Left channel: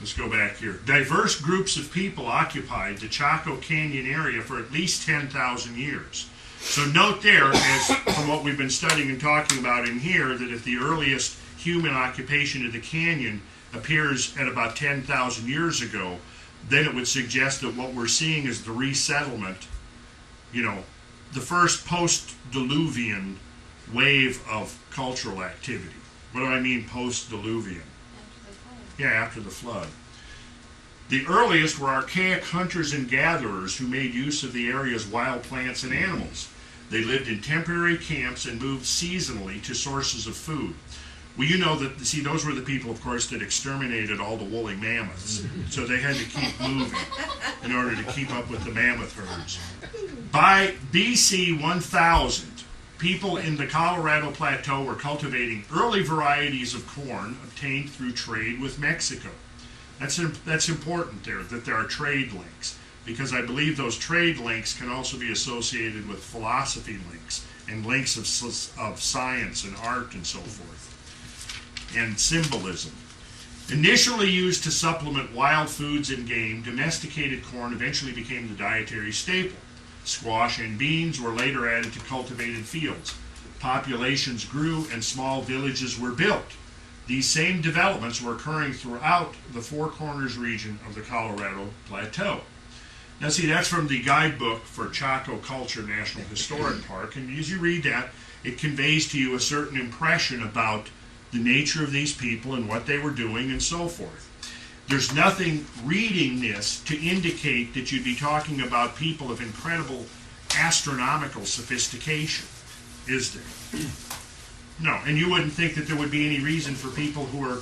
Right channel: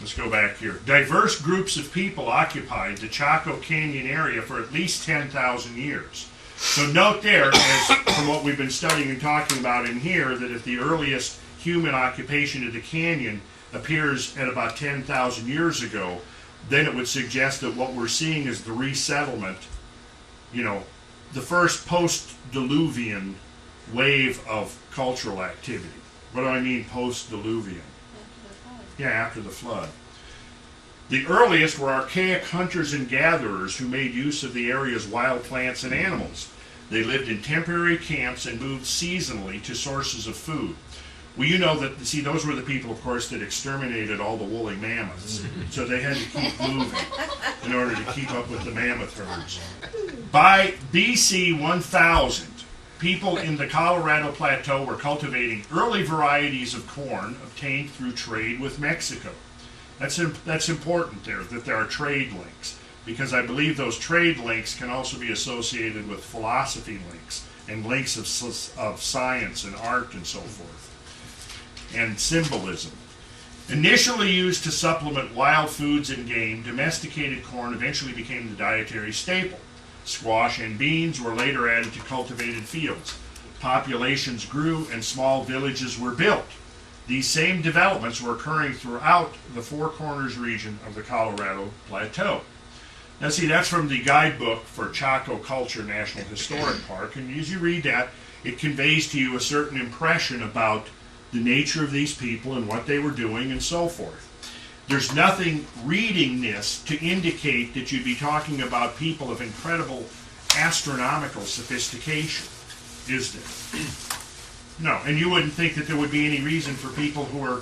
Let's go back here. Diverse groups of people occupied the Chaco Canyon area for at least 10,000 years. So note there, as from what we've been studying and talking about in here, that if the earliest human occupation of the canyon appears at about 10,000 years ago, then it would suggest that what we're seeing is the resettlement, the first post-Diluvian wave of cultural activity. What do I mean post-Diluvian? After the flood. The earliest were archaic hunters and gatherers who made use of the area's wild plants and animals. They lived in temporary camps and moved seasonally to sources of food. Well, those were the people, of course, that exterminated all the woolly mammoths. So they had to keep moving in order to keep up with the mammoth herds. By BC 1000, people in the Colorado Plateau were cultivating early varieties of corn obtained through trade with Mexico. That's important there, that there are trade links, because I believe those trade links can also be associated with philosophy links and links of science and art and so forth, and symbolism. Initially used to supplement wild foods and game, domesticated corn eventually became the dietary staple. Squash and beans were later added to cultivated fields. Populations grew and small villages were built. These same developments were occurring throughout the Four Corners region of the Colorado Plateau. Now see, that's from the Guidebook for Chaco Culture National Historic Park, and as you read that, it conveys to you a certain impression about the nature of these people and what they were doing and so forth. There's nothing reading this to indicate that you'd be talking about people of incredible astronomical sophistication, is there? No, and you wouldn't think that there would be any reason for people who are,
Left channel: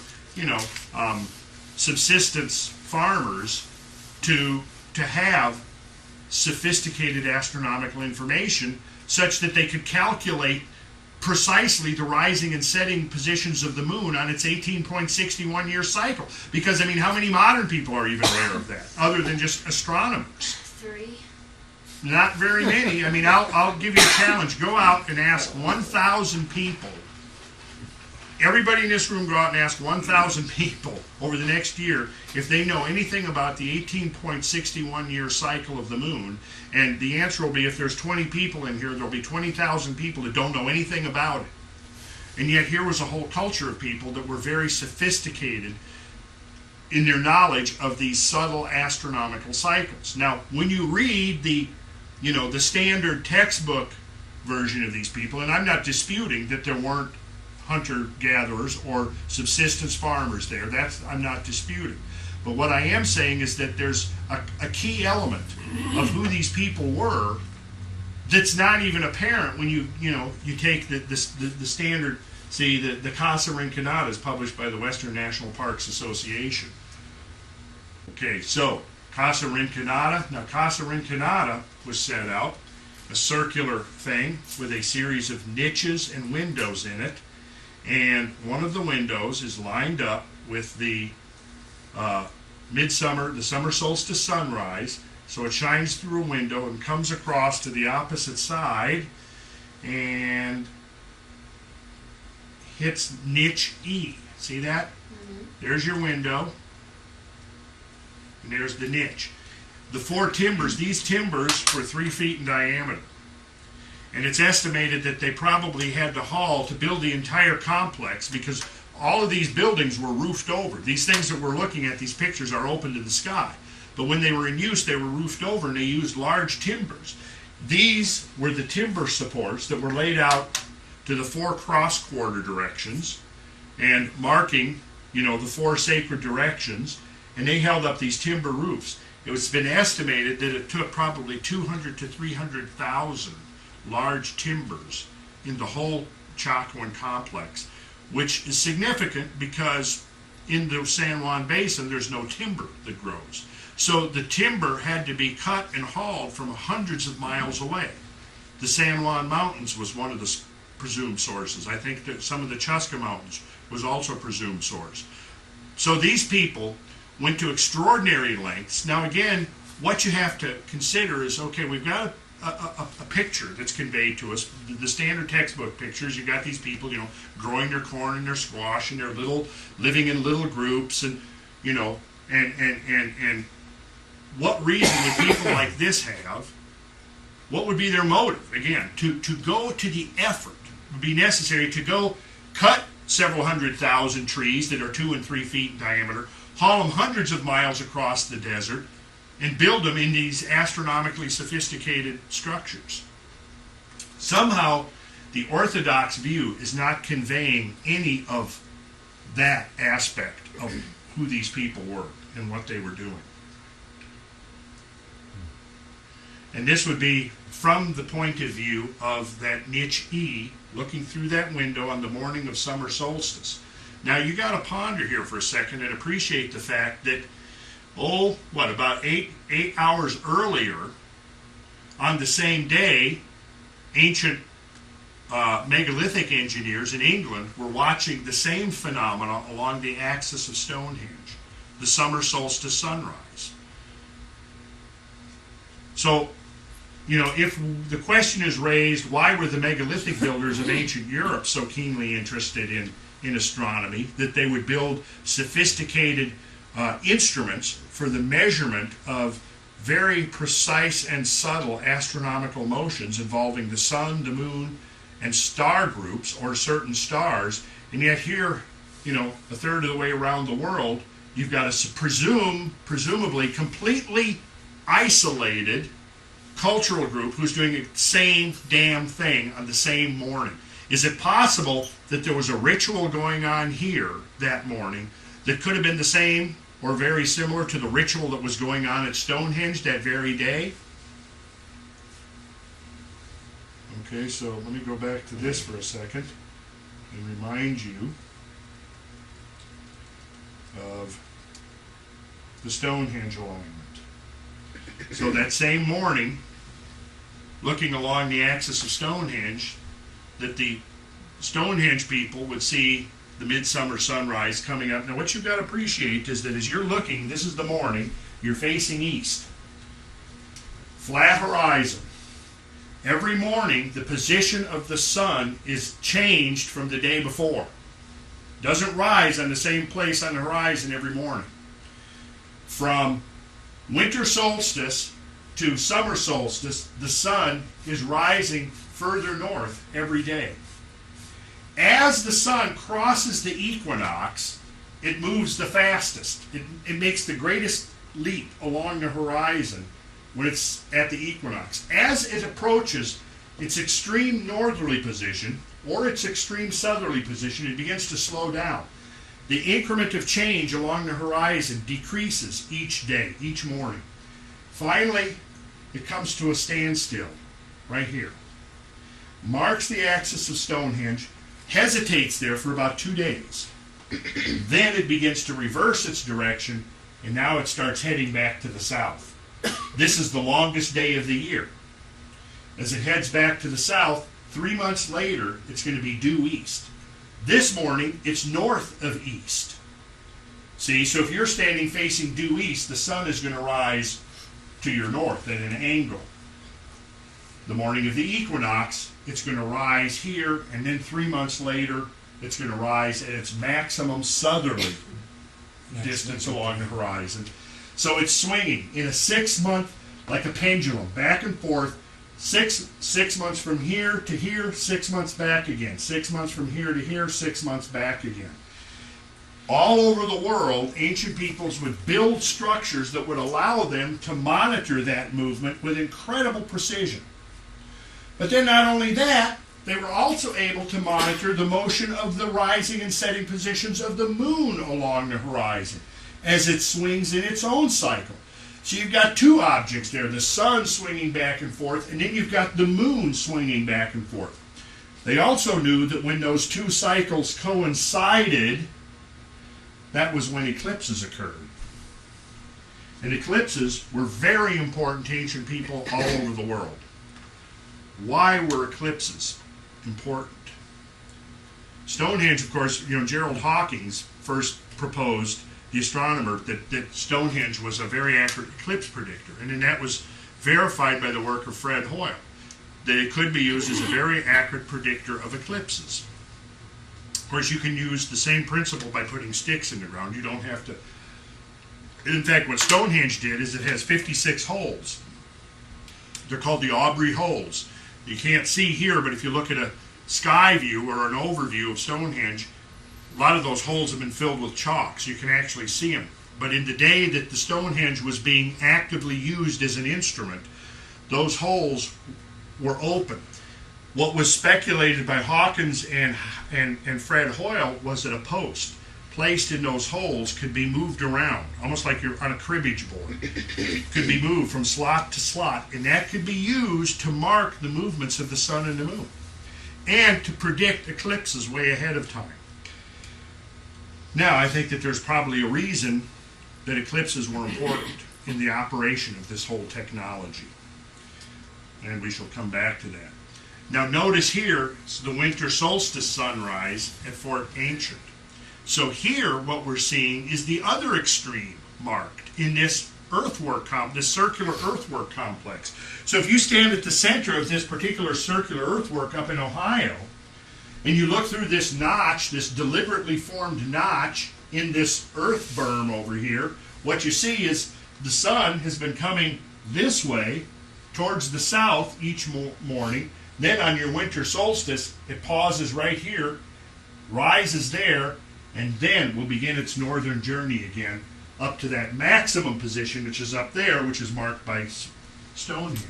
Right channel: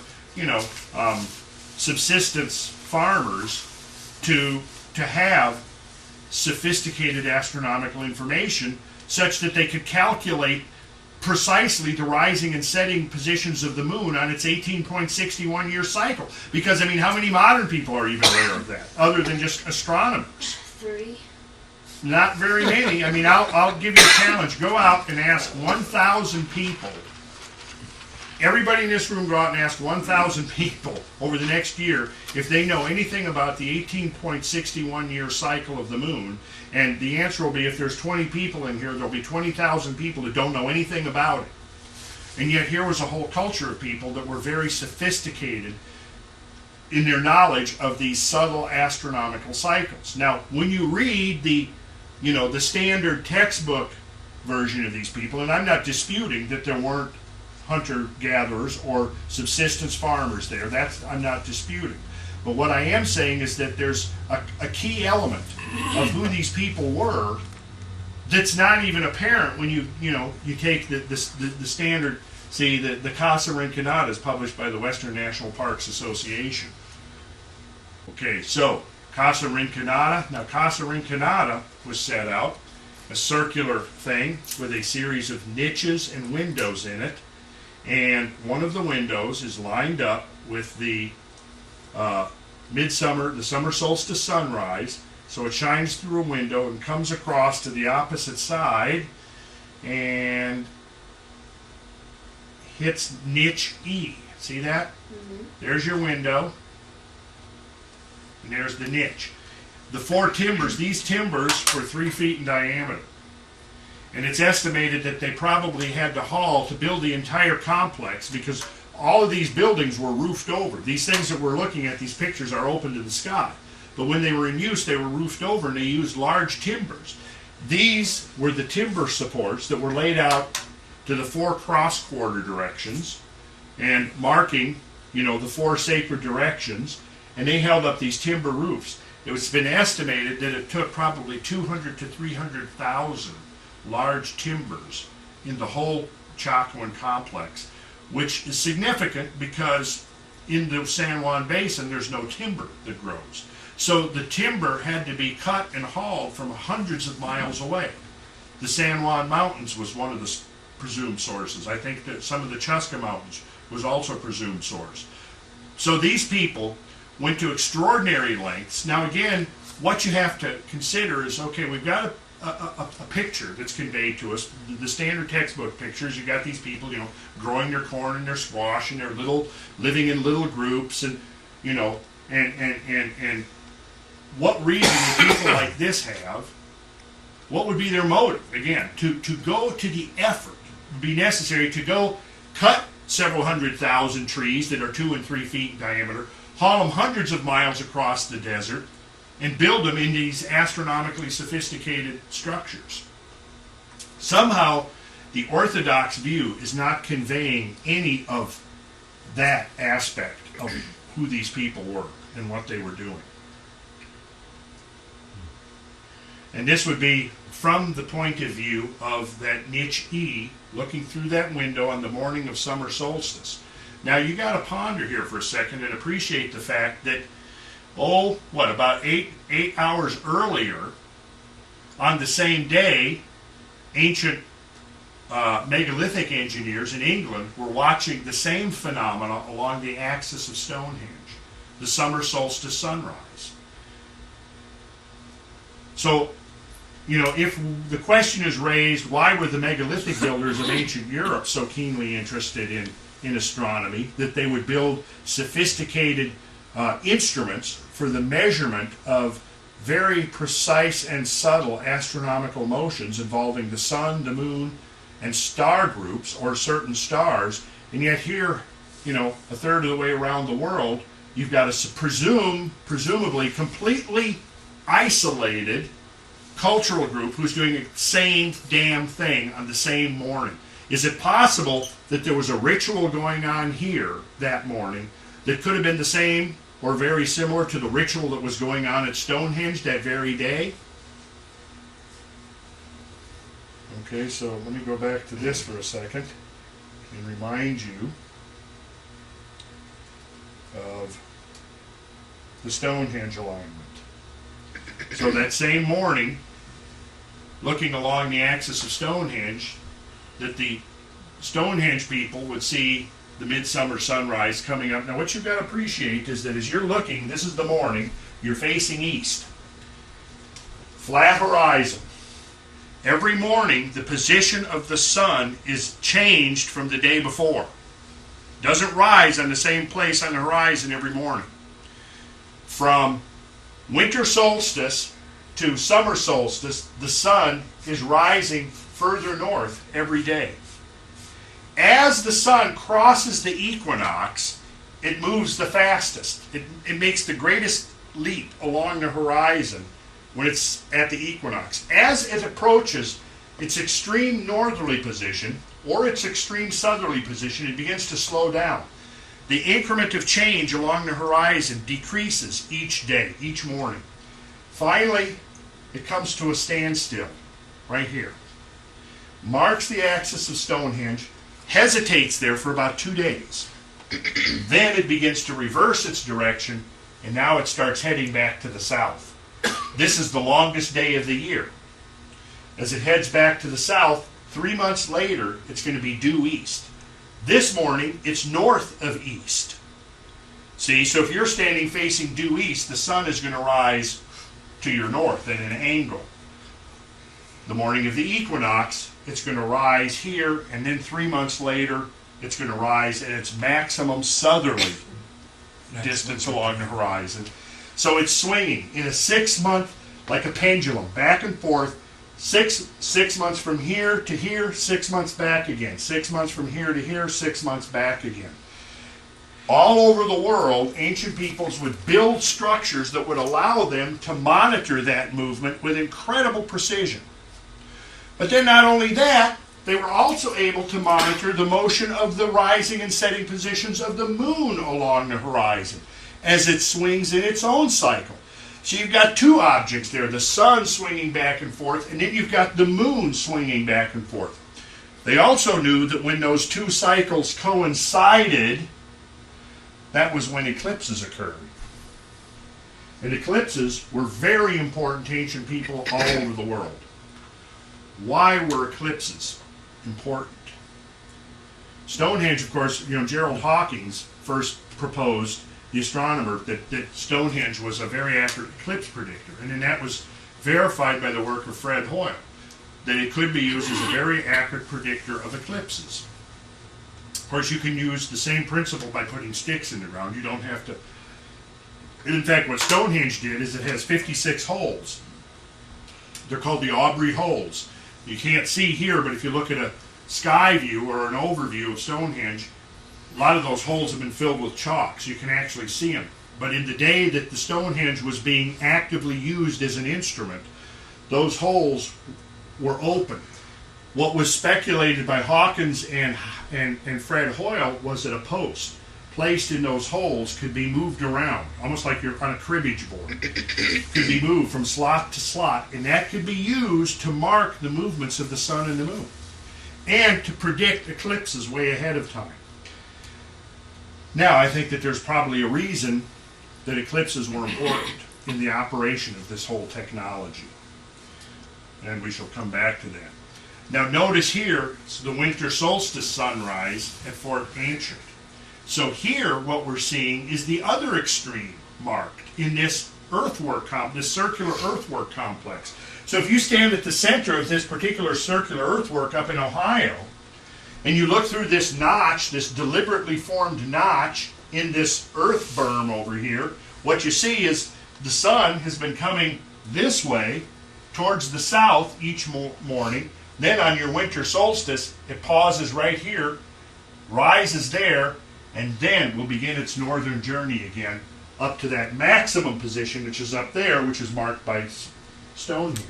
subsistence farmers to have sophisticated astronomical information such that they could calculate precisely the rising and setting positions of the moon on its 18.61 year cycle. Because, how many modern people are even aware of that, other than just astronomers? 3. Not very many. I'll give you a challenge. Go out and ask 1,000 people. Everybody in this room go out and ask 1,000 people over the next year if they know anything about the 18.61 year cycle of the moon. And the answer will be, if there's 20 people in here, there'll be 20,000 people that don't know anything about it. And yet here was a whole culture of people that were very sophisticated in their knowledge of these subtle astronomical cycles. Now, when you read the standard textbook version of these people, and I'm not disputing that there weren't hunter-gatherers or subsistence farmers there, I'm not disputing. But what I am saying is that there's a key element of who these people were that's not even apparent when you take the standard. See, the Casa Rinconada is published by the Western National Parks Association. Okay, so Casa Rinconada. Now, Casa Rinconada was set out, a circular thing with a series of niches and windows in it, and one of the windows is lined up with the the summer solstice sunrise, so it shines through a window and comes across to the opposite side and hits niche E. See that? Mm-hmm. There's your window, and there's the niche. The 4 timbers, these timbers were 3 feet in diameter. And it's estimated that they probably had to haul to build the entire complex, because all of these buildings were roofed over. These things that we're looking at, these pictures, are open to the sky. But when they were in use, they were roofed over, and they used large timbers. These were the timber supports that were laid out to the 4 cross-quarter directions and marking, the 4 sacred directions, and they held up these timber roofs. It's been estimated that it took probably 200 to 300,000 large timbers in the whole Chacoan complex, which is significant because in the San Juan Basin there's no timber that grows. So the timber had to be cut and hauled from hundreds of miles away. The San Juan Mountains was one of the presumed sources. I think that some of the Chusca Mountains was also a presumed source. So these people went to extraordinary lengths. Now again, what you have to consider is, okay, we've got a picture that's conveyed to us, the standard textbook pictures. You got these people, growing their corn and their squash, and they're living in little groups, and And what reason would people like this have? What would be their motive? Again, to go to the effort would be necessary to go cut several 100,000 trees that are 2 and 3 feet in diameter, haul them hundreds of miles across the desert, and build them in these astronomically sophisticated structures. Somehow, the Orthodox view is not conveying any of that aspect of who these people were and what they were doing. And this would be from the point of view of that niche E looking through that window on the morning of summer solstice. Now you got to ponder here for a second and appreciate the fact that, about eight hours earlier on the same day, ancient megalithic engineers in England were watching the same phenomena along the axis of Stonehenge, the summer solstice sunrise. So, if the question is raised, why were the megalithic builders of ancient Europe so keenly interested in astronomy that they would build sophisticated instruments for the measurement of very precise and subtle astronomical motions involving the sun, the moon, and star groups or certain stars, and yet here, a third of the way around the world, you've got a presumably completely isolated cultural group who's doing the same damn thing on the same morning. Is it possible that there was a ritual going on here that morning that could have been the same or very similar to the ritual that was going on at Stonehenge that very day? Okay, so let me go back to this for a second and remind you of the Stonehenge alignment. So that same morning, looking along the axis of Stonehenge, that the Stonehenge people would see the midsummer sunrise coming up. Now what you've got to appreciate is that as you're looking, this is the morning, you're facing east. Flat horizon. Every morning, the position of the sun is changed from the day before. Doesn't rise on the same place on the horizon every morning. From winter solstice to summer solstice, the sun is rising further north every day. As the sun crosses the equinox, it moves the fastest. It makes the greatest leap along the horizon when it's at the equinox. As it approaches its extreme northerly position or its extreme southerly position, it begins to slow down. The increment of change along the horizon decreases each day, each morning. Finally, it comes to a standstill right here. Marks the axis of Stonehenge, hesitates there for about 2 days. Then it begins to reverse its direction, and now it starts heading back to the south. This is the longest day of the year. As it heads back to the south, 3 months later, it's going to be due east. This morning, it's north of east. See, so if you're standing facing due east, the sun is going to rise to your north at an angle. The morning of the equinox, it's going to rise here, and then 3 months later, it's going to rise at its maximum southerly distance along the horizon. So it's swinging in a 6 month, like a pendulum, back and forth, six months from here to here, 6 months back again, 6 months from here to here, 6 months back again. All over the world, ancient peoples would build structures that would allow them to monitor that movement with incredible precision. But then not only that, they were also able to monitor the motion of the rising and setting positions of the moon along the horizon as it swings in its own cycle. So you've got two objects there, the sun swinging back and forth, and then you've got the moon swinging back and forth. They also knew that when those two cycles coincided, that was when eclipses occurred. And eclipses were very important to ancient people all over the world. Why were eclipses important? Stonehenge, of course, Gerald Hawkins first proposed, the astronomer, that Stonehenge was a very accurate eclipse predictor. And then that was verified by the work of Fred Hoyle, that it could be used as a very accurate predictor of eclipses. Of course, you can use the same principle by putting sticks in the ground. You don't have to In fact, what Stonehenge did is it has 56 holes. They're called the Aubrey holes. You can't see here, but if you look at a sky view or an overview of Stonehenge, a lot of those holes have been filled with chalk, so you can actually see them. But in the day that the Stonehenge was being actively used as an instrument, those holes were open. What was speculated by Hawkins and Fred Hoyle was that a post placed in those holes could be moved around, almost like you're on a cribbage board. Could be moved from slot to slot, and that could be used to mark the movements of the sun and the moon, and to predict eclipses way ahead of time. Now, I think that there's probably a reason that eclipses were important in the operation of this whole technology, and we shall come back to that. Now, notice here, it's the winter solstice sunrise at Fort Ancient. So here, what we're seeing is the other extreme marked in this earthwork, this circular earthwork complex. So if you stand at the center of this particular circular earthwork up in Ohio, and you look through this notch, this deliberately formed notch in this earth berm over here, what you see is the sun has been coming this way towards the south each morning. Then on your winter solstice, it pauses right here, rises there, and then will begin its northern journey again up to that maximum position, which is up there, which is marked by Stonehenge.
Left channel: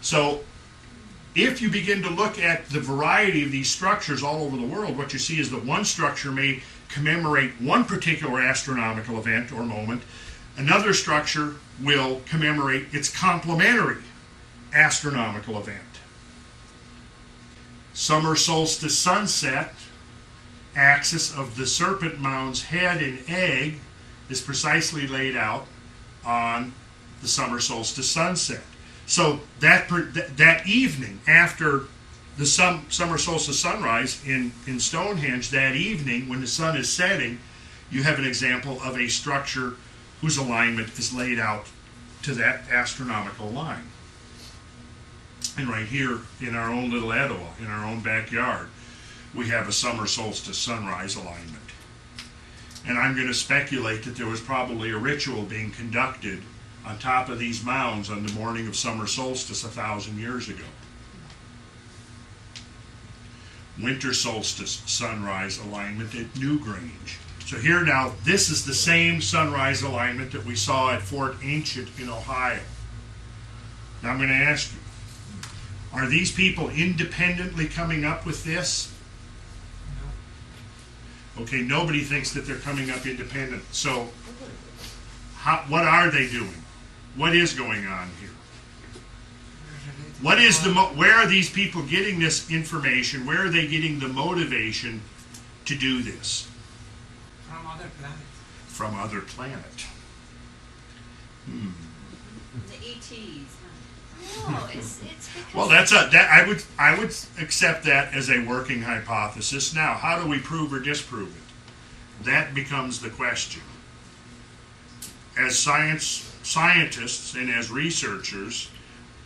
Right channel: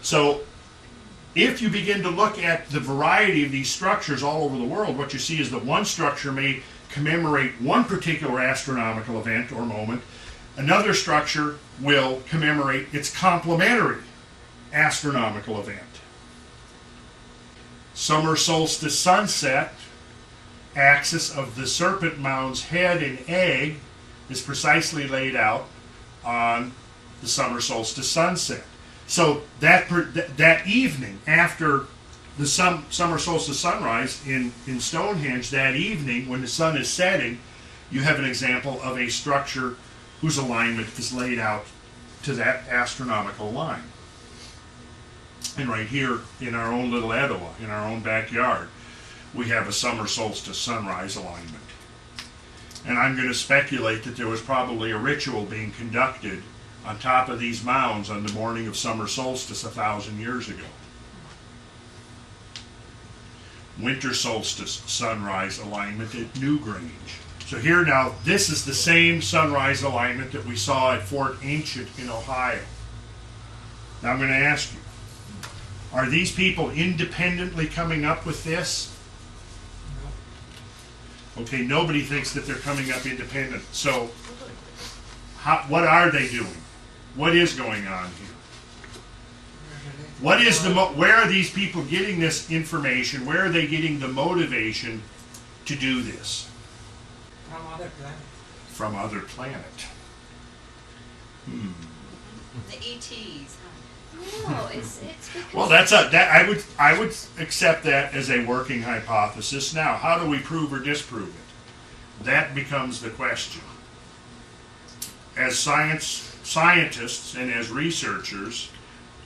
So if you begin to look at the variety of these structures all over the world, what you see is that one structure may commemorate one particular astronomical event or moment. Another structure will commemorate its complementary astronomical event. Summer solstice sunset, axis of the serpent mound's head and egg, is precisely laid out on the summer solstice sunset. So that evening after the summer solstice sunrise in Stonehenge, that evening when the sun is setting, you have an example of a structure whose alignment is laid out to that astronomical line. And right here in our own little Etowah, in our own backyard, we have a summer solstice sunrise alignment. And I'm going to speculate that there was probably a ritual being conducted on top of these mounds on the morning of summer solstice 1,000 years ago. Winter solstice sunrise alignment at Newgrange. So here now, this is the same sunrise alignment that we saw at Fort Ancient in Ohio. Now I'm going to ask you, are these people independently coming up with this? Okay, nobody thinks that they're coming up independent. So what are they doing? What is going on here? What is where are these people getting this information? Where are they getting the motivation to do this? From other planets. From other planet. The ETs. No, it's because. Well, I would accept that as a working hypothesis. Now, how do we prove or disprove it? That becomes the question. As scientists and as researchers,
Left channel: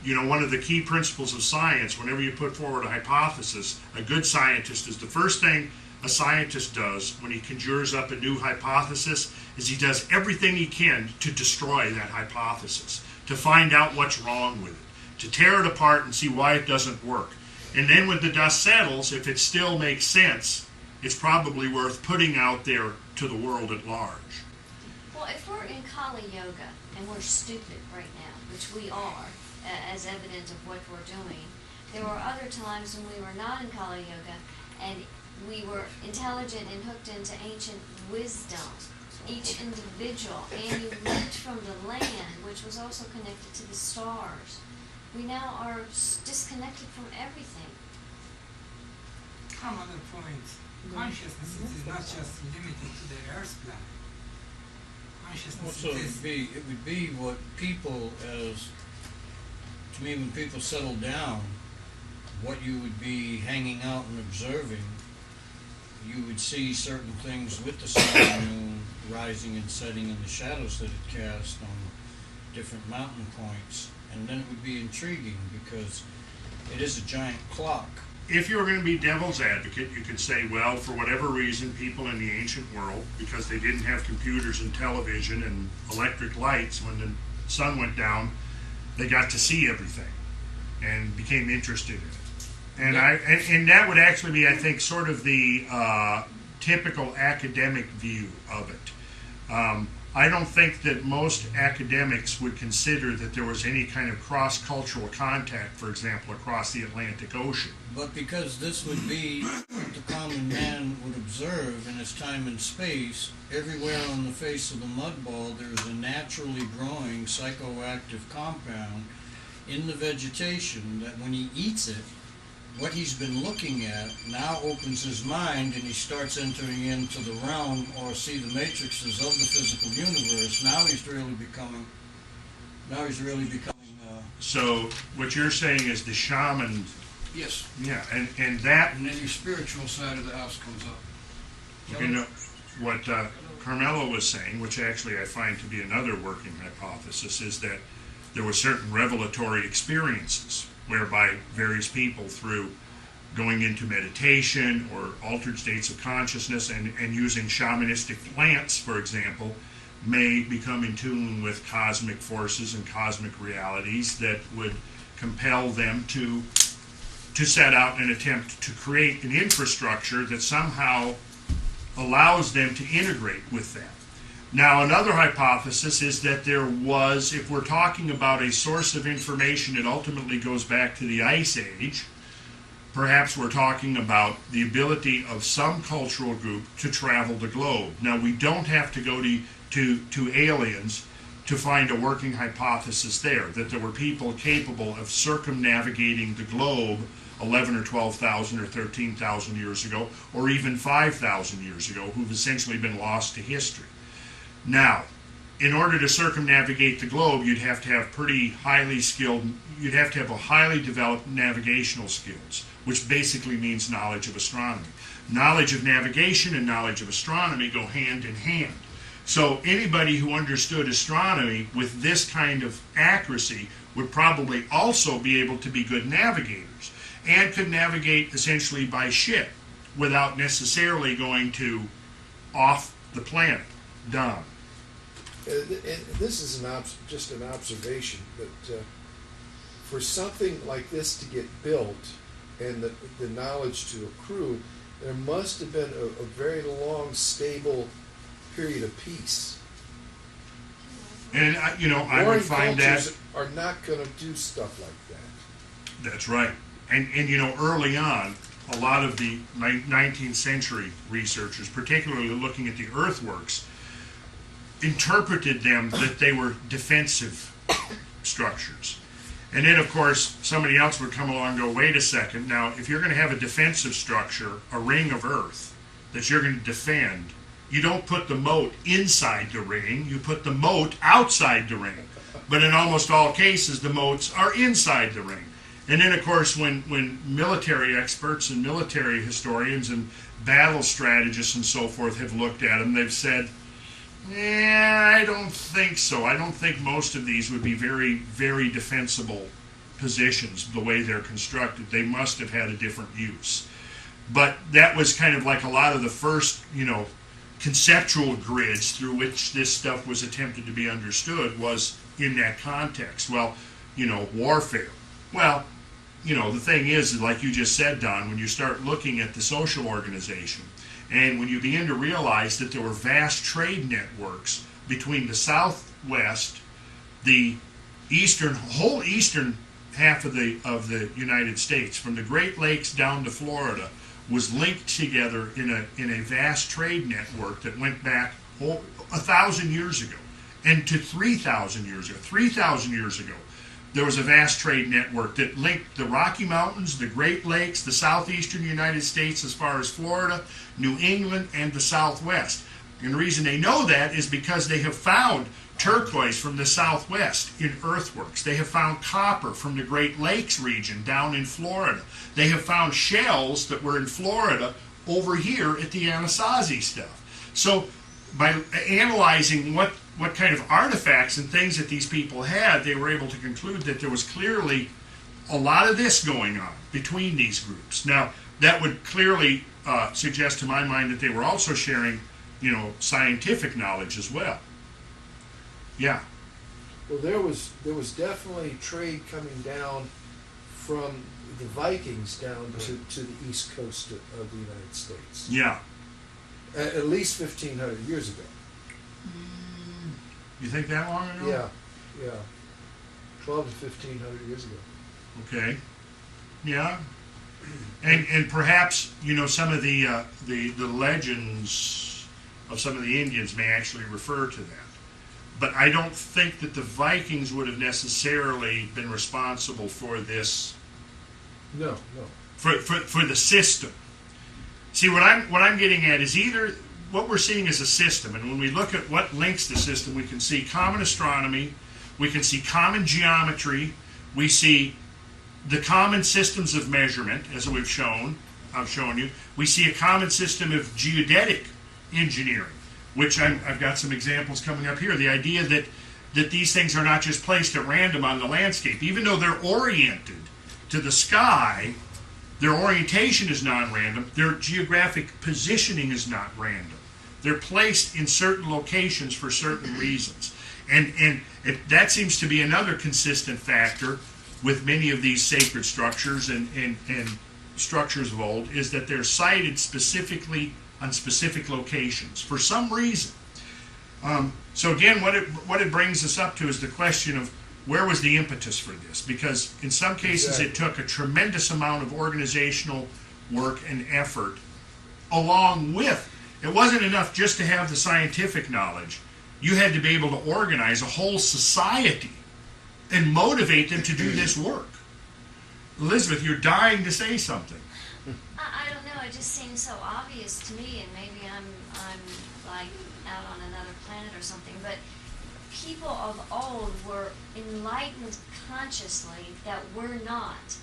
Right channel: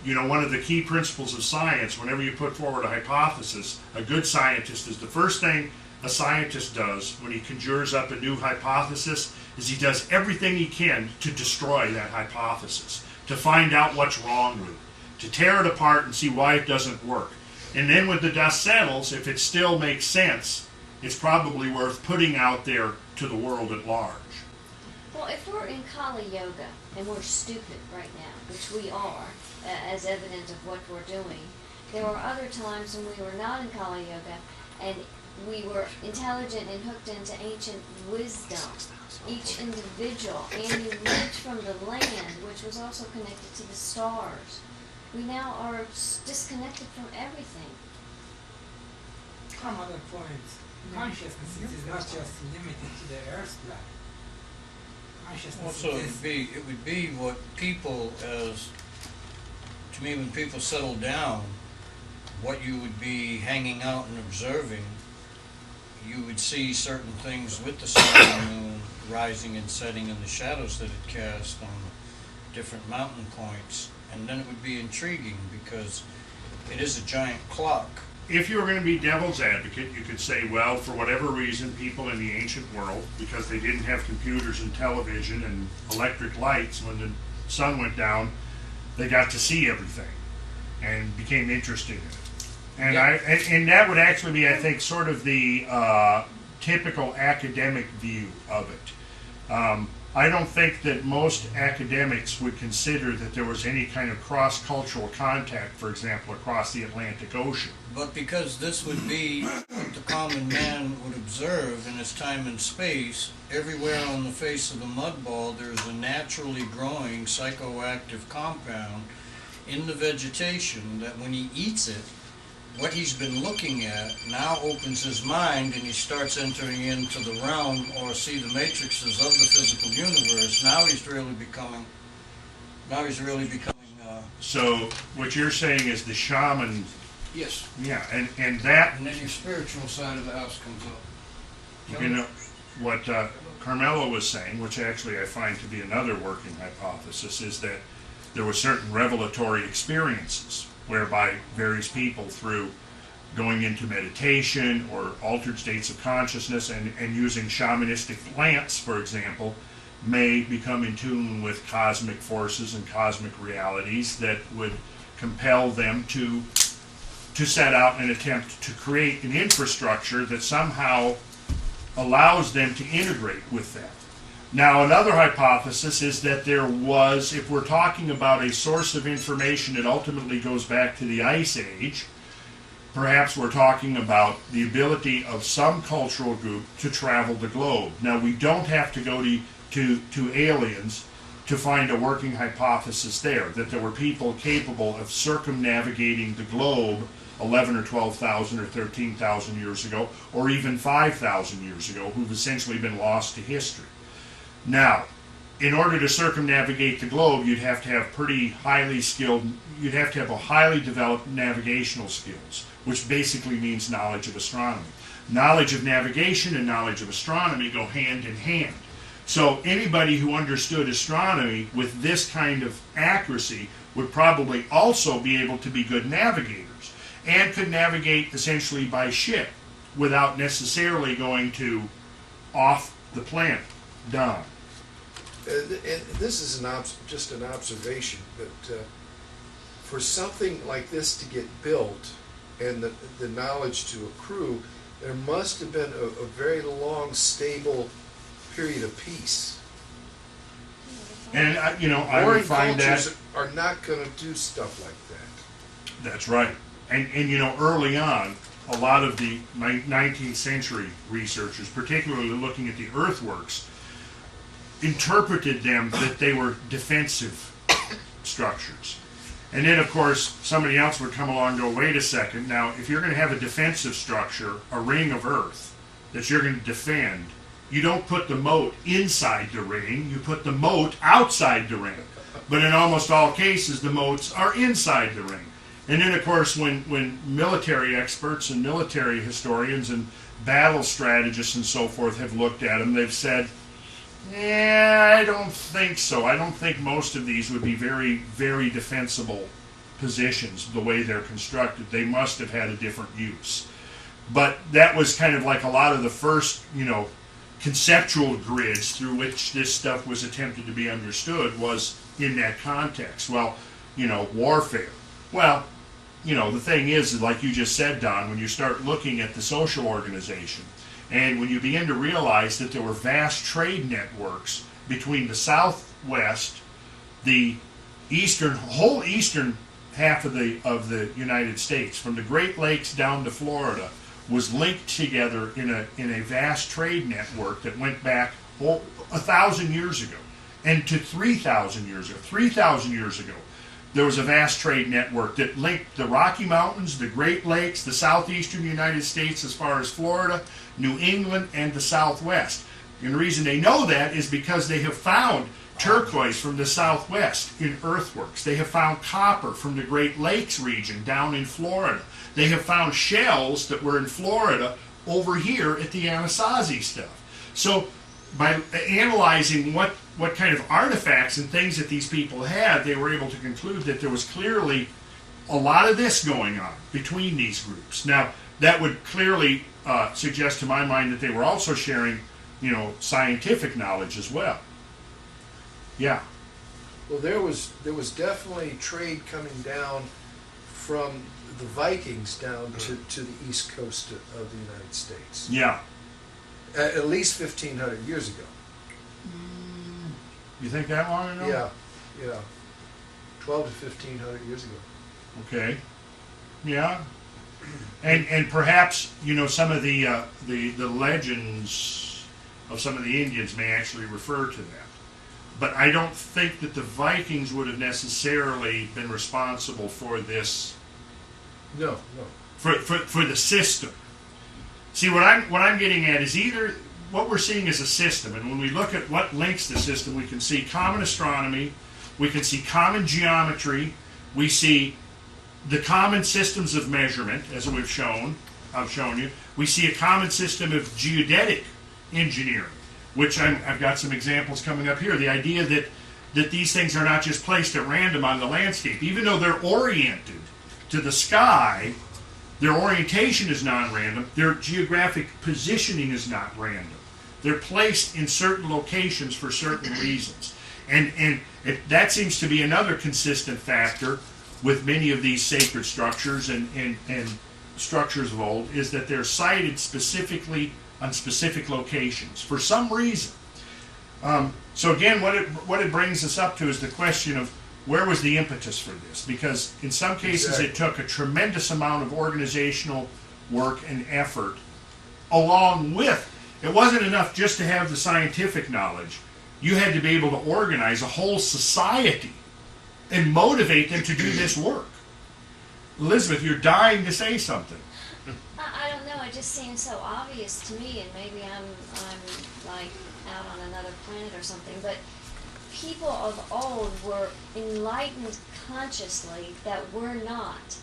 you know, one of the key principles of science, whenever you put forward a hypothesis, a good scientist is the first thing a scientist does when he conjures up a new hypothesis is he does everything he can to destroy that hypothesis, to find out what's wrong with it, to tear it apart and see why it doesn't work. And then when the dust settles, if it still makes sense, it's probably worth putting out there to the world at large. Well, if we're in Kali Yoga and we're stupid right now, which we are, as evidence of what we're doing, there were other times when we were not in Kali Yoga and we were intelligent and hooked into ancient wisdom, each individual, and you lived from the land, which was also connected to the stars. We now are disconnected from everything. Some other points. Consciousness is not just limited to the Earth plane. Consciousness Also, is... it would be what people, to me, when people settle down, what you would be hanging out and observing, you would see certain things with the sun and moon rising and setting and the shadows that it cast on different mountain points. And then it would be intriguing because it is a giant clock if you were going to be devil's advocate, you could say, well, for whatever reason, people in the ancient world, because they didn't have computers and television and electric lights, when the sun went down, they got to see everything and became interested in it. And and that would actually be, I think, sort of the typical academic view of it. I don't think that most academics would consider that there was any kind of cross-cultural contact, for example, across the Atlantic Ocean. But because this would be what the common man would observe in his time and space, everywhere on the face of the mud ball there's a naturally growing psychoactive compound in the vegetation that when he eats it, what he's been looking at now opens his mind and he starts entering into the realm or see the matrices of the physical universe. Now he's really becoming So what you're saying is the shaman, Yes, yeah, and that, and then your spiritual side of the house comes up. you know, what Carmelo was saying, which actually I find to be another working hypothesis, is that there were certain revelatory experiences whereby various people, through going into meditation or altered states of consciousness and using shamanistic plants, for example, may become in tune with cosmic forces and cosmic realities that would compel them to set out and attempt to create an infrastructure that somehow allows them to integrate with that. Now, another hypothesis is that there was, if we're talking about a source of information that ultimately goes back to the Ice Age, perhaps we're talking about the ability of some cultural group to travel the globe. Now, we don't have to go to aliens to find a working hypothesis there, that there were people capable of circumnavigating the globe 11 or 12,000 or 13,000 years ago, or even 5,000 years ago, who've essentially been lost to history. Now, in order to circumnavigate the globe, you'd have to have you'd have to have a highly developed navigational skills, which basically means knowledge of astronomy. Knowledge of navigation and knowledge of astronomy go hand in hand. So anybody who understood astronomy with this kind of accuracy would probably also be able to be good navigators, and could navigate essentially by ship without necessarily going to off the planet. Don. And this is just an observation, but for something like this to get built and the knowledge to accrue, there must have been a very long, stable period of peace. And I would Warring find cultures that are not going to do stuff like that. that's right. And early on, a lot of the 19th century researchers, particularly looking at the earthworks, interpreted them that they were defensive structures. And then, of course, somebody else would come along and go, wait a second, now, if you're going to have a defensive structure, a ring of earth, that you're going to defend, you don't put the moat inside the ring, you put the moat outside the ring. But in almost all cases, the moats are inside the ring. And then, of course, when military experts and military historians and battle strategists and so forth have looked at them, they've said, I don't think so. I don't think most of these would be very, very defensible positions the way they're constructed. They must have had a different use. But that was kind of like a lot of the first, conceptual grids through which this stuff was attempted to be understood was in that context. Well, warfare. Well, the thing is, like you just said, Don, when you start looking at the social organization, and when you begin to realize that there were vast trade networks between the Southwest, the whole eastern half of the United States, from the Great Lakes down to Florida, was linked together in a vast trade network that went back 1,000 years ago, and to 3,000 years ago. 3,000 years ago, there was a vast trade network that linked the Rocky Mountains, the Great Lakes, the southeastern United States as far as Florida, New England, and the Southwest. And the reason they know that is because they have found turquoise from the Southwest in earthworks. They have found copper from the Great Lakes region down in Florida. They have found shells that were in Florida over here at the Anasazi stuff. So by analyzing what kind of artifacts and things that these people had, they were able to conclude that there was clearly a lot of this going on between these groups. Now, that would clearly suggest to my mind that they were also sharing, scientific knowledge as well. Yeah. Well, there was definitely trade coming down from the Vikings down to the east coast of the United States. Yeah. At least 1,500 years ago. You think that long ago? Yeah. 12 to 1,500 years ago. Okay. Yeah. And perhaps, some of the legends of some of the Indians may actually refer to that. But I don't think that the Vikings would have necessarily been responsible for this. No. For the system. See, what I'm getting at is either what we're seeing is a system, and when we look at what links the system, we can see common astronomy, we can see common geometry, we see the common systems of measurement, as I've shown you. We see a common system of geodetic engineering, which I've got some examples coming up here. The idea that these things are not just placed at random on the landscape, even though they're oriented to the sky. Their orientation is non-random. Their geographic positioning is not random. They're placed in certain locations for certain reasons. And that seems to be another consistent factor with many of these sacred structures and structures of old, is that they're sited specifically on specific locations for some reason. So again, what it brings us up to is the question of where was the impetus for this? Because in some cases It took a tremendous amount of organizational work and effort along with, it wasn't enough just to have the scientific knowledge. You had to be able to organize a whole society and motivate them to do this work. Elizabeth, you're dying to say something. I don't know, it just seems so obvious to me, and maybe I'm like out on another planet or something, but people of old were enlightened consciously that we're not.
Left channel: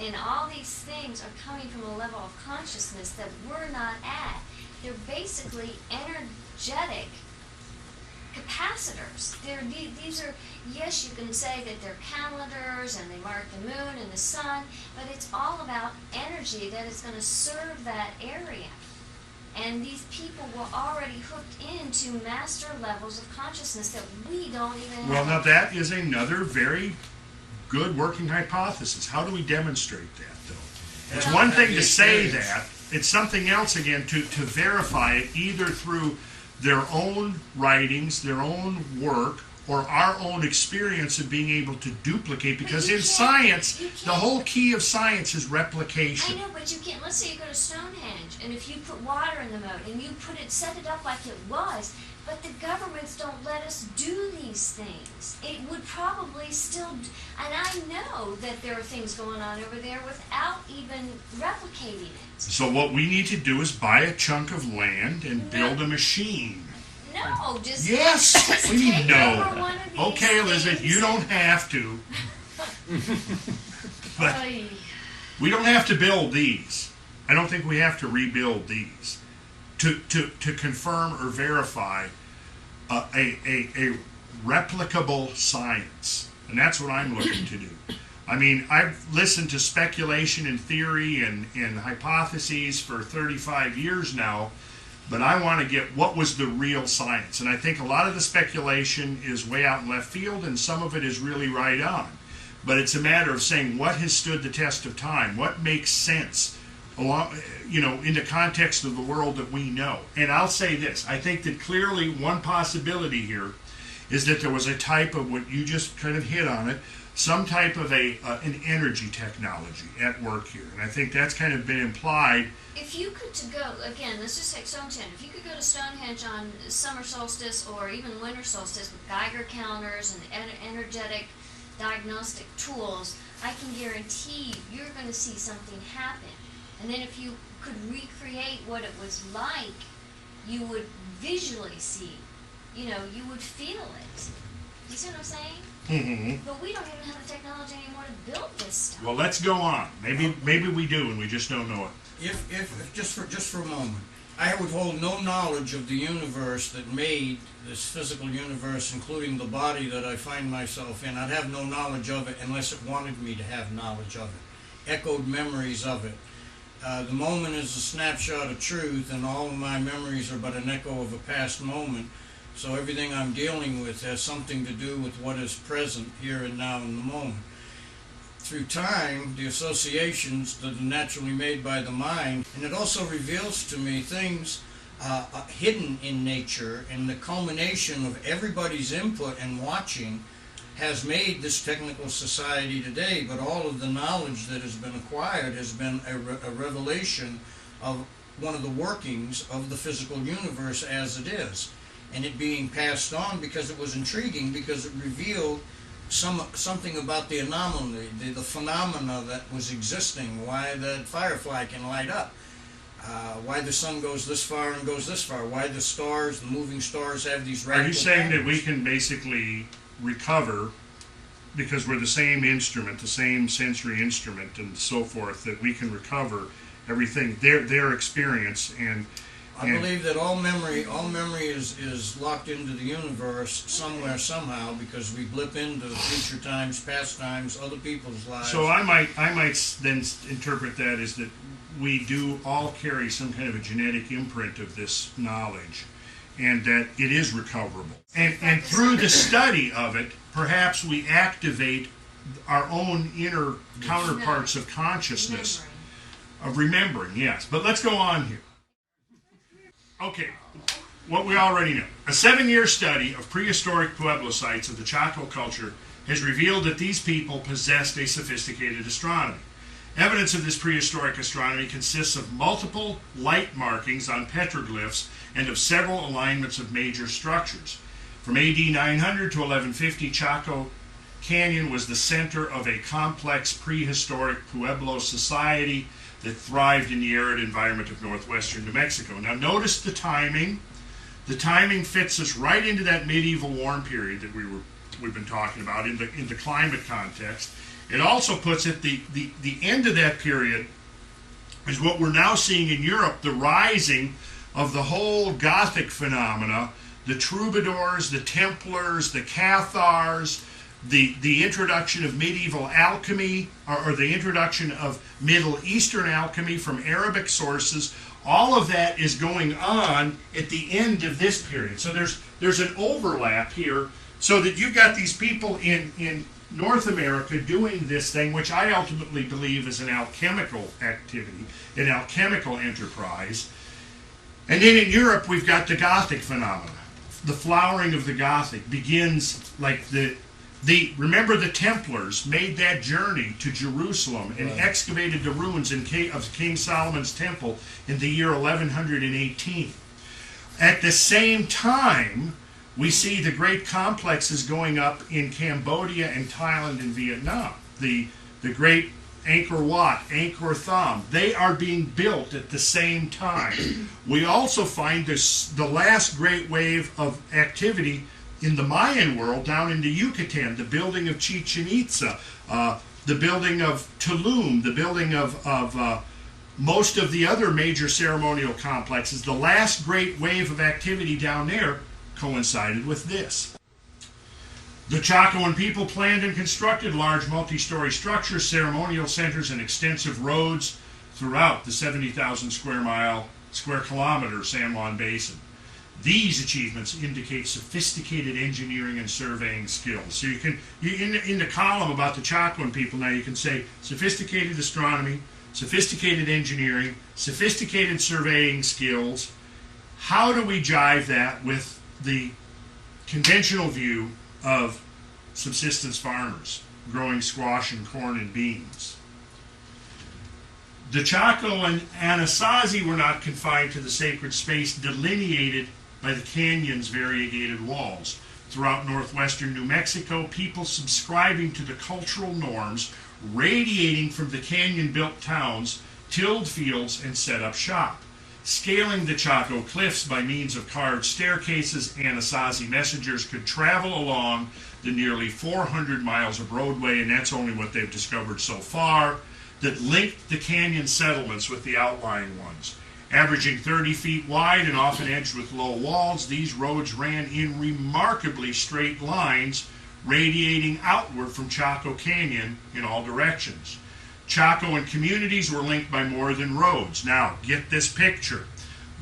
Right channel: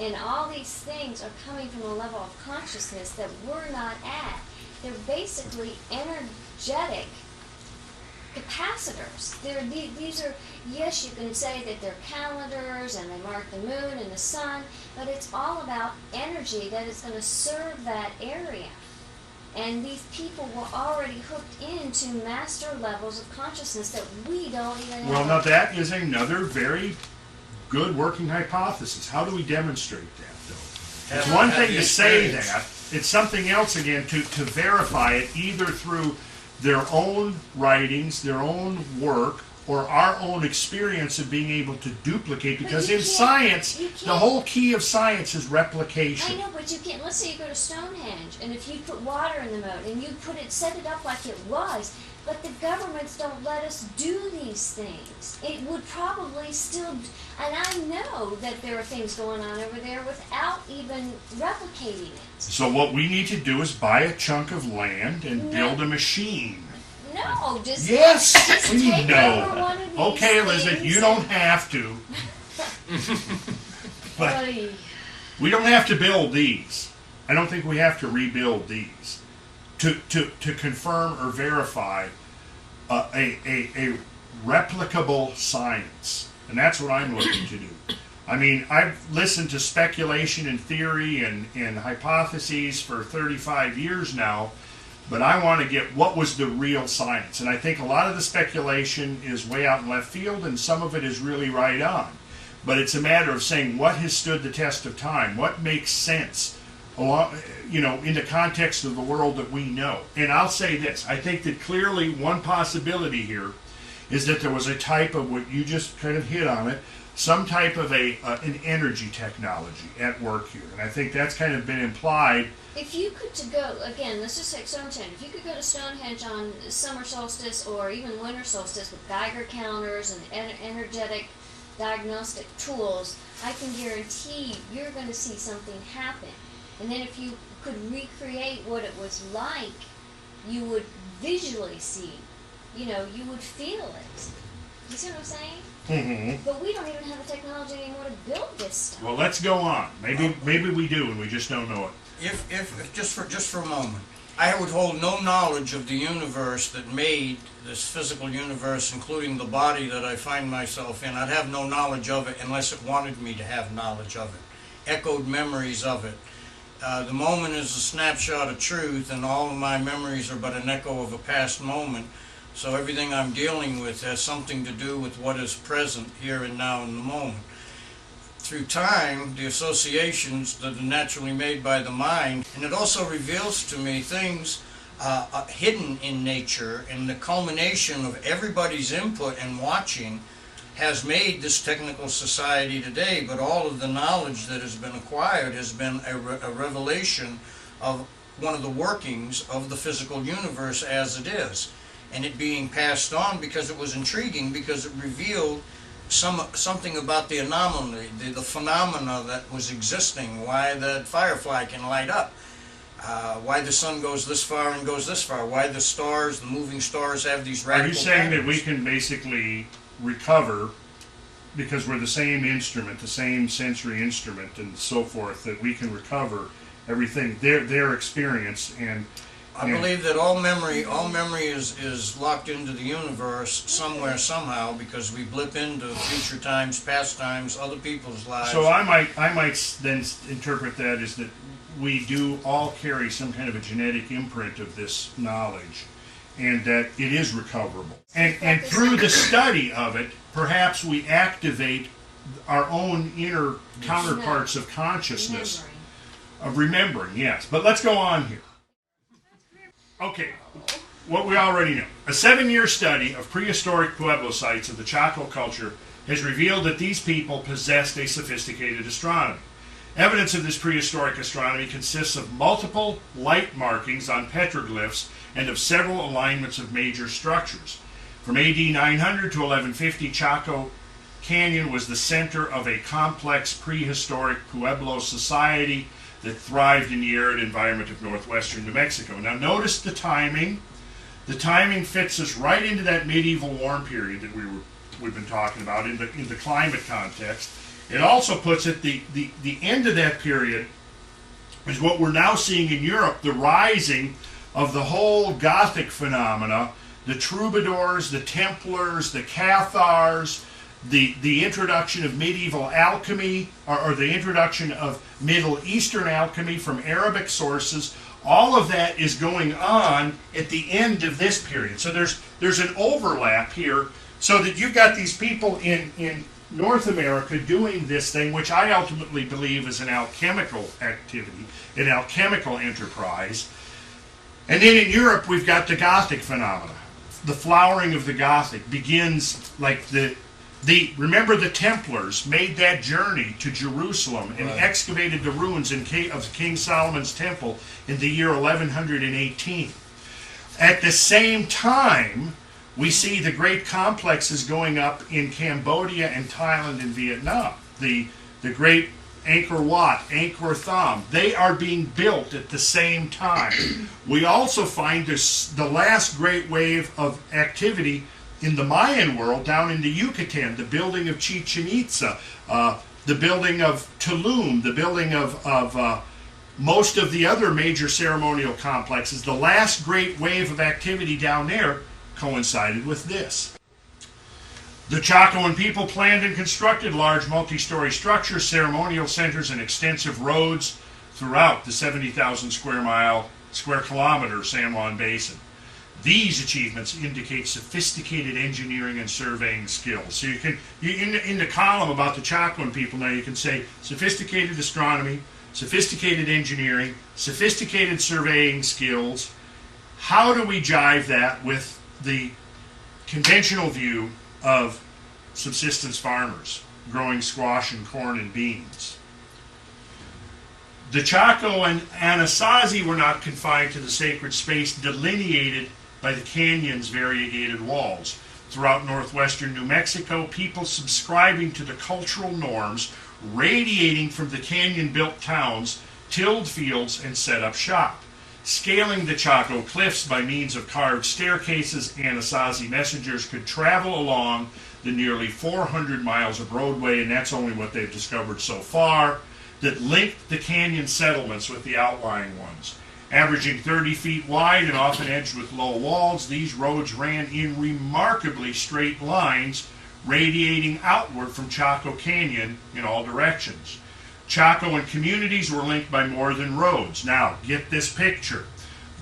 And all these things are coming from a level of consciousness that we're not at. They're basically energetic capacitors. These are, yes, you can say that they're calendars and they mark the moon and the sun, but it's all about energy that is going to serve that area. And these people were already hooked into master levels of consciousness that we don't even have. Well, now that is another very good working hypothesis. How do we demonstrate that, though? It's one thing to say that. It's something else, again, to verify it either through their own writings, their own work, or our own experience of being able to duplicate. Because in science, the whole key of science is replication. I know, but you can't. Let's say you go to Stonehenge, and if you put water in the moat, and you set it up like it was, but the governments don't let us do these things. It would probably still, and I know that there are things going on over there without even replicating it. So what we need to do is buy a chunk of land and build a machine. No, just yes, we take know. over one of these Okay, Elizabeth, you don't have to. But Oy. we don't have to build these. I don't think we have to rebuild these to confirm or verify a replicable science. And that's what I'm looking to do. I mean, I've listened to speculation and theory and hypotheses for 35 years now, but I want to get what was the real science. And I think a lot of the speculation is way out in left field, and some of it is really right on. But it's a matter of saying what has stood the test of time, what makes sense, in the context of the world that we know. And I'll say this, I think that clearly one possibility here is that there was a type of what you just kind of hit on it, some type of an energy technology at work here. And I think that's kind of been implied. If you could go, again, let's just take Stonehenge. If you could go to Stonehenge on summer solstice or even winter solstice with Geiger counters and energetic diagnostic tools, I can guarantee you're going to see something happen. And then if you could recreate what it was like, you would visually see, you would feel it. You see what I'm saying? Mm-hmm. But we don't even have the technology anymore to build this stuff. Well, let's go on. Maybe we do, and we just don't know it. If just for a moment, I would hold no knowledge of the universe that made this physical universe, including the body that I find myself in. I'd have no knowledge of it unless it wanted me to have knowledge of it, echoed memories of it. The moment is a snapshot of truth, and all of my memories are but an echo of a past moment. So everything I'm dealing with has something to do with what is present here and now in the moment. Through time, the associations that are naturally made by the mind, and it also reveals to me things hidden in nature, and the culmination of everybody's input and watching has made this technical society today. But all of the knowledge that has been acquired has been a revelation of one of the workings of the physical universe as it is, and it being passed on because it was intriguing, because it revealed something about the anomaly, the phenomena that was existing, why the firefly can light up, why the sun goes this far and goes this far, why the stars, the moving stars, have these radical Are you saying that we patterns. can basically recover, because we're the same instrument, the same sensory instrument and so forth, that we can recover everything, their experience, and I believe that all memory is locked into the universe somewhere, somehow, because we blip into future times, past times, other people's lives. so I might then interpret that as that we do all carry some kind of a genetic imprint of this knowledge, and that it is recoverable. And through the study of it, perhaps we activate our own inner counterparts of consciousness, of remembering, yes. But let's go on here. Okay, what we already know. A 7-year study of prehistoric Pueblo sites of the Chaco culture has revealed that these people possessed a sophisticated astronomy. Evidence of this prehistoric astronomy consists of multiple light markings on petroglyphs and of several alignments of major structures. From AD 900 to 1150, Chaco Canyon was the center of a complex prehistoric Pueblo society that thrived in the arid environment of northwestern New Mexico. Now notice the timing. The timing fits us right into that medieval warm period that we've been talking about in the climate context. It also puts it the end of that period is what we're now seeing in Europe, the rising of the whole Gothic phenomena, the troubadours, the Templars, the Cathars, the introduction of medieval alchemy, or the introduction of Middle Eastern alchemy from Arabic sources. All of that is going on at the end of this period. So there's an overlap here, so that you've got these people in North America doing this thing, which I ultimately believe is an alchemical activity, an alchemical enterprise. And then in Europe, we've got the Gothic phenomena. The flowering of the Gothic begins like remember the Templars made that journey to Jerusalem and excavated the ruins of King Solomon's temple in the year 1118. At the same time, we see the great complexes going up in Cambodia and Thailand and Vietnam. The great Angkor Wat, Angkor Thom, they are being built at the same time. We also find the last great wave of activity in the Mayan world down in the Yucatan, the building of Chichen Itza, the building of Tulum, the building of most of the other major ceremonial complexes. The last great wave of activity down there coincided with this. The Chacoan people planned and constructed large multi-story structures, ceremonial centers, and extensive roads throughout the 70,000 square kilometer San Juan Basin. These achievements indicate sophisticated engineering and surveying skills. So in the column about the Chacoan people now, you can say sophisticated astronomy, sophisticated engineering, sophisticated surveying skills. How do we jive that with the conventional view of subsistence farmers growing squash and corn and beans? The Chaco and Anasazi were not confined to the sacred space delineated by the canyon's variegated walls. Throughout northwestern New Mexico, people subscribing to the cultural norms radiating from the canyon-built towns tilled fields and set up shop. Scaling the Chaco cliffs by means of carved staircases, Anasazi messengers could travel along the nearly 400 miles of roadway, and that's only what they've discovered so far, that linked the canyon settlements with the outlying ones. Averaging 30 feet wide and often edged with low walls, these roads ran in remarkably straight lines, radiating outward from Chaco Canyon in all directions. Chaco and communities were linked by more than roads. Now, get this picture.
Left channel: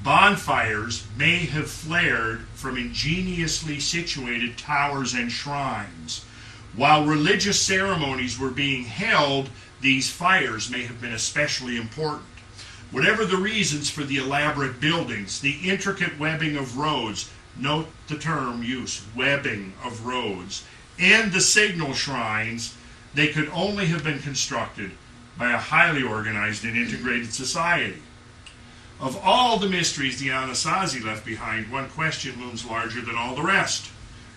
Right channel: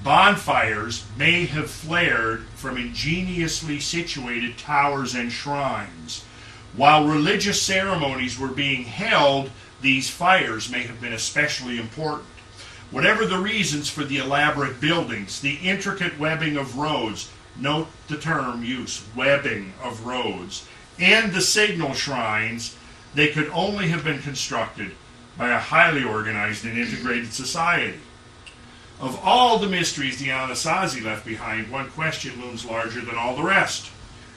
Bonfires may have flared from ingeniously situated towers and shrines. While religious ceremonies were being held, these fires may have been especially important. Whatever the reasons for the elaborate buildings, the intricate webbing of roads, note the term use, webbing of roads, and the signal shrines, they could only have been constructed by a highly organized and integrated society. Of all the mysteries the Anasazi left behind, one question looms larger than all the rest.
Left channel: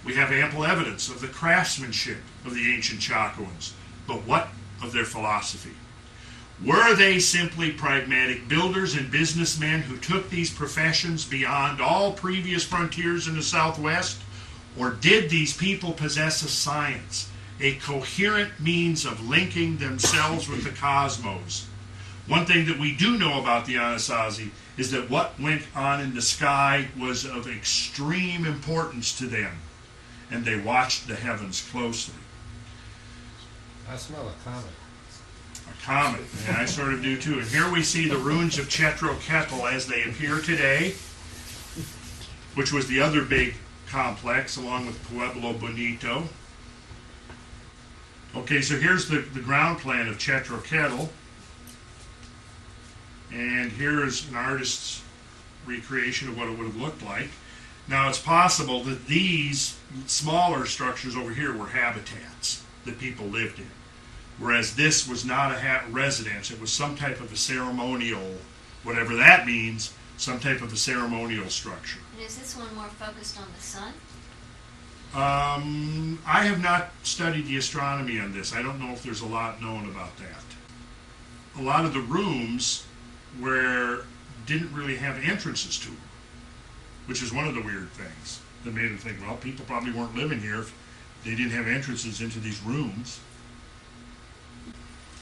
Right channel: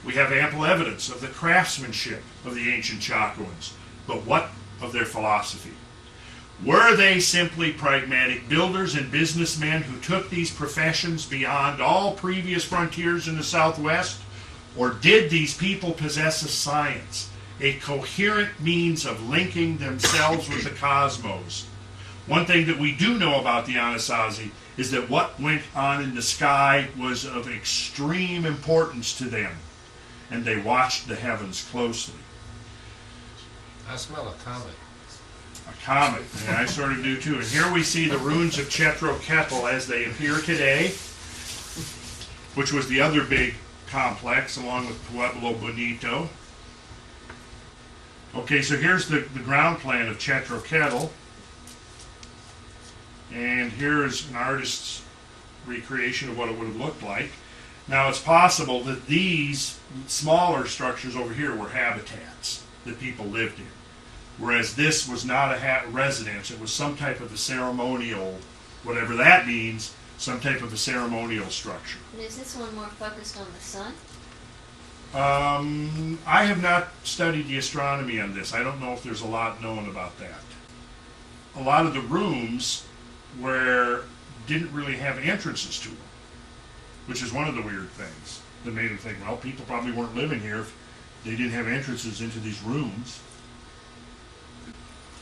We have ample evidence of the craftsmanship of the ancient Chacoans, but what of their philosophy? Were they simply pragmatic builders and businessmen who took these professions beyond all previous frontiers in the Southwest? Or did these people possess a science, a coherent means of linking themselves with the cosmos? One thing that we do know about the Anasazi is that what went on in the sky was of extreme importance to them, and they watched the heavens closely. I smell a comet. A comet, and I sort of do too. And here we see the ruins of Chetroketl as they appear today, which was the other big complex along with Pueblo Bonito. Okay, so here's the ground plan of Chetroketl. And here's an artist's recreation of what it would have looked like. Now, it's possible that these smaller structures over here were habitats that people lived in, whereas this was not a residence. It was some type of a ceremonial, whatever that means, some type of a ceremonial structure. And is this one more focused on the sun? I have not studied the astronomy on this. I don't know if there's a lot known about that. A lot of the rooms didn't really have entrances to them, which is one of the weird things that made them think, well, people probably weren't living here if they didn't have entrances into these rooms.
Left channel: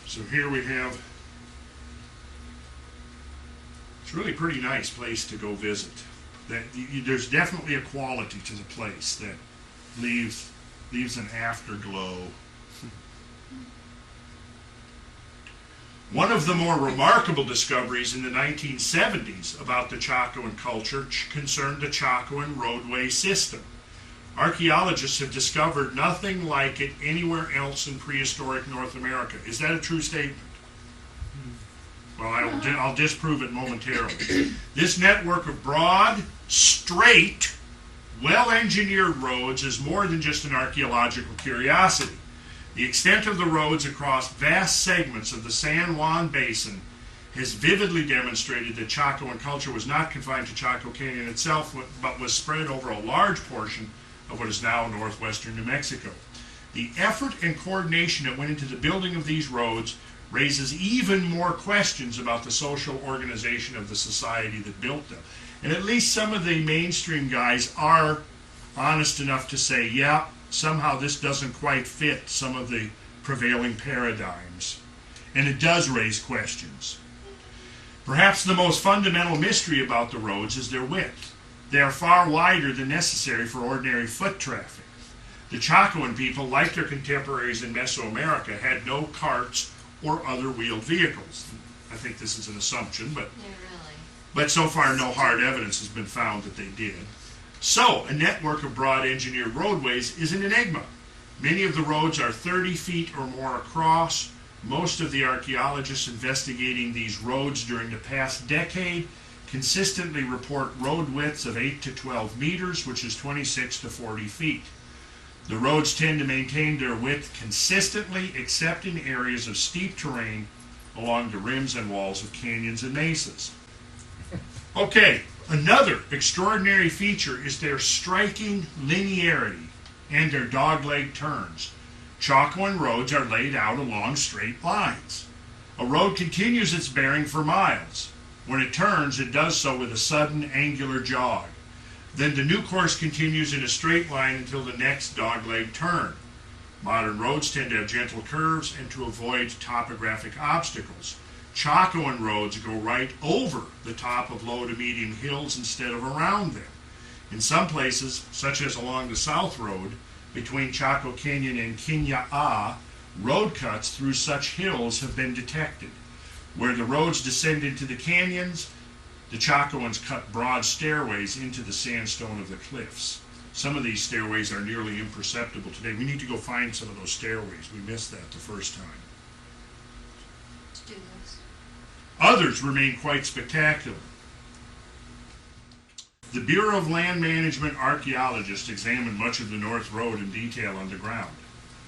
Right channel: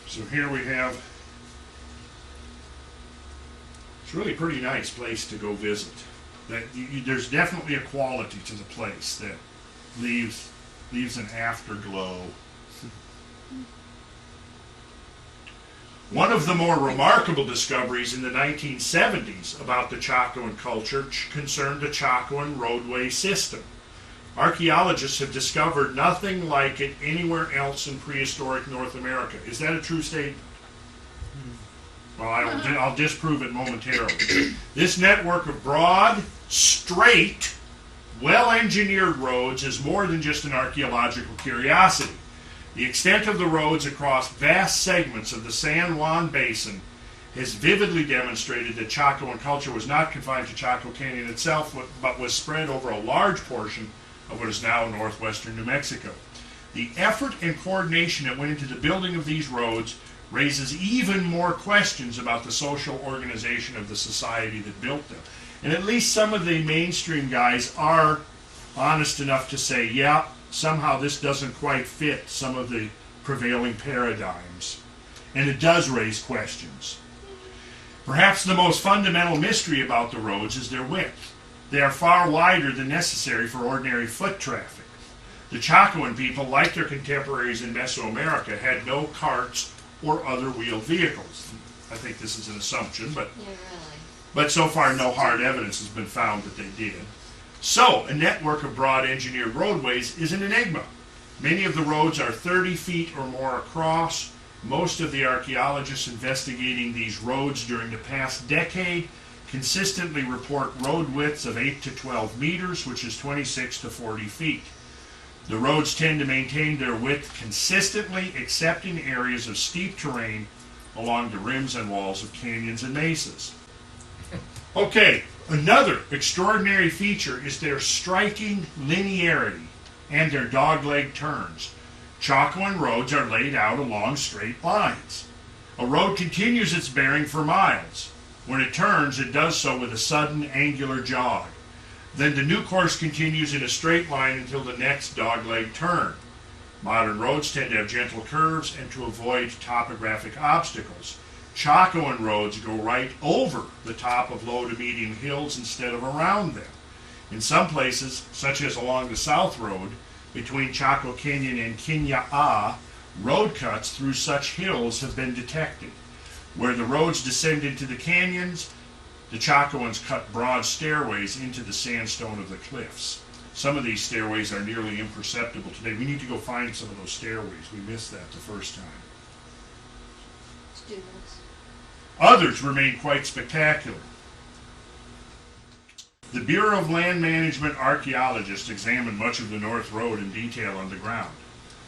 So here we have, it's a really pretty nice place to go visit. There's definitely a quality to the place that leaves an afterglow. One of the more remarkable discoveries in the 1970s about the Chacoan culture concerned the Chacoan roadway system. Archaeologists have discovered nothing like it anywhere else in prehistoric North America. Is that a true statement? Well, I'll disprove it momentarily. This network of broad, straight, well-engineered roads is more than just an archaeological curiosity. The extent of the roads across vast segments of the San Juan Basin has vividly demonstrated that Chacoan culture was not confined to Chaco Canyon itself, but was spread over a large portion of what is now northwestern New Mexico. The effort and coordination that went into the building of these roads raises even more questions about the social organization of the society that built them. And at least some of the mainstream guys are honest enough to say, yeah, somehow this doesn't quite fit some of the prevailing paradigms. And it does raise questions. Perhaps the most fundamental mystery about the roads is their width. They are far wider than necessary for ordinary foot traffic. The Chacoan people, like their contemporaries in Mesoamerica, had no carts or other wheeled vehicles. I think this is an assumption, but so far no hard evidence has been found that they did. So, a network of broad engineered roadways is an enigma. Many of the roads are 30 feet or more across. Most of the archaeologists investigating these roads during the past decade consistently report road widths of 8 to 12 meters, which is 26 to 40 feet. The roads tend to maintain their width consistently, except in areas of steep terrain along the rims and walls of canyons and mesas. Okay, another extraordinary feature is their striking linearity and their dogleg turns. Chacoan roads are laid out along straight lines. A road continues its bearing for miles. When it turns, it does so with a sudden angular jog. Then the new course continues in a straight line until the next dogleg turn. Modern roads tend to have gentle curves and to avoid topographic obstacles. Chacoan roads go right over the top of low to medium hills instead of around them. In some places, such as along the South Road, between Chaco Canyon and Kinya-A, road cuts through such hills have been detected. Where the roads descend into the canyons, the Chacoans cut broad stairways into the sandstone of the cliffs. Some of these stairways are nearly imperceptible today. We need to go find some of those stairways. We missed that the first time. Students. Others remain quite spectacular. The Bureau of Land Management archaeologists examined much of the North Road in detail underground.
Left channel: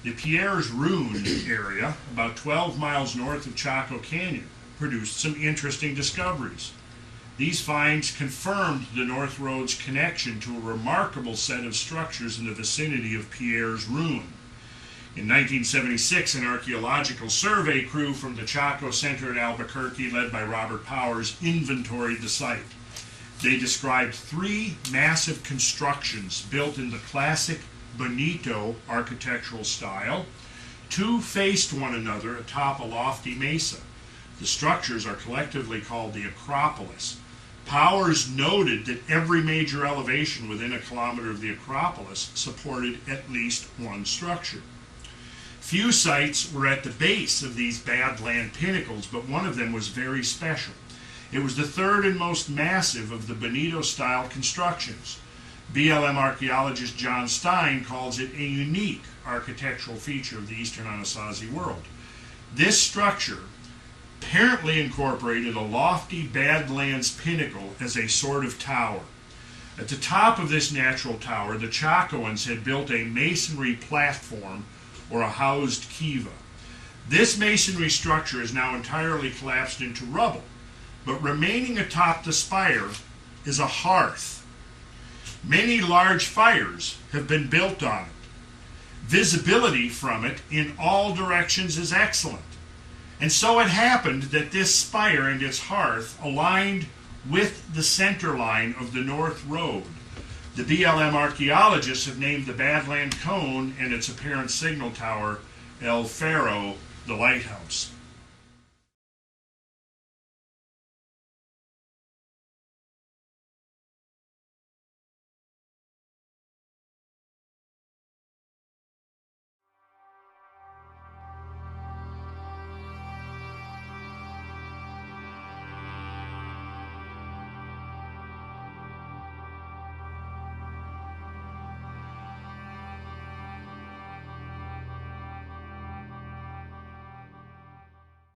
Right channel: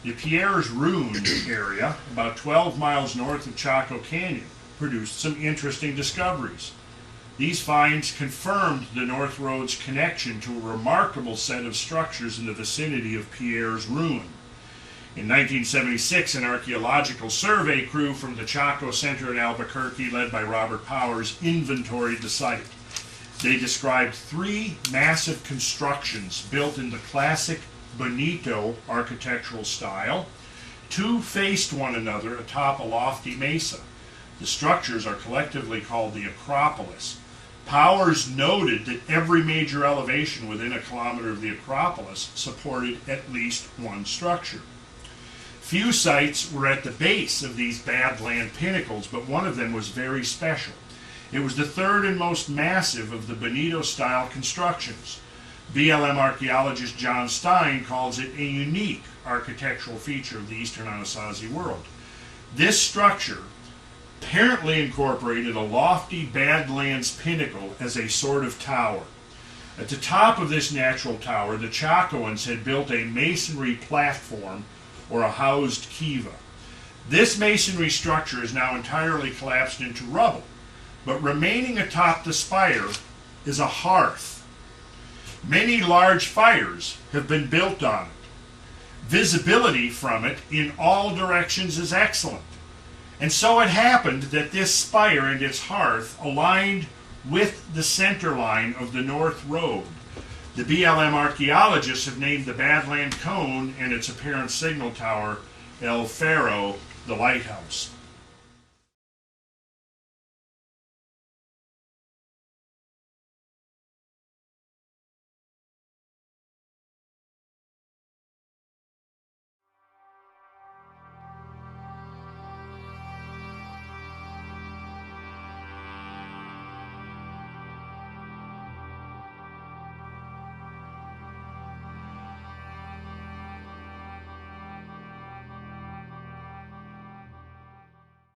The Pierre's Ruin area, about 12 miles north of Chaco Canyon, produced some interesting discoveries. These finds confirmed the North Road's connection to a remarkable set of structures in the vicinity of Pierre's Ruin. In 1976, an archaeological survey crew from the Chaco Center in Albuquerque, led by Robert Powers, inventoried the site. They described 3 massive constructions built in the classic Bonito architectural style. 2 faced one another atop a lofty mesa. The structures are collectively called the Acropolis. Powers noted that every major elevation within a kilometer of the Acropolis supported at least one structure. Few sites were at the base of these Badland pinnacles, but one of them was very special. It was the third and most massive of the Bonito-style constructions. BLM archaeologist John Stein calls it a unique architectural feature of the eastern Anasazi world. This structure apparently incorporated a lofty Badlands pinnacle as a sort of tower. At the top of this natural tower, the Chacoans had built a masonry platform or a housed kiva. This masonry structure is now entirely collapsed into rubble, but remaining atop the spire is a hearth. Many large fires have been built on it. Visibility from it in all directions is excellent. And so it happened that this spire and its hearth aligned with the center line of the North Road. The BLM archaeologists have named the Badland Cone and its apparent signal tower El Faro, the lighthouse.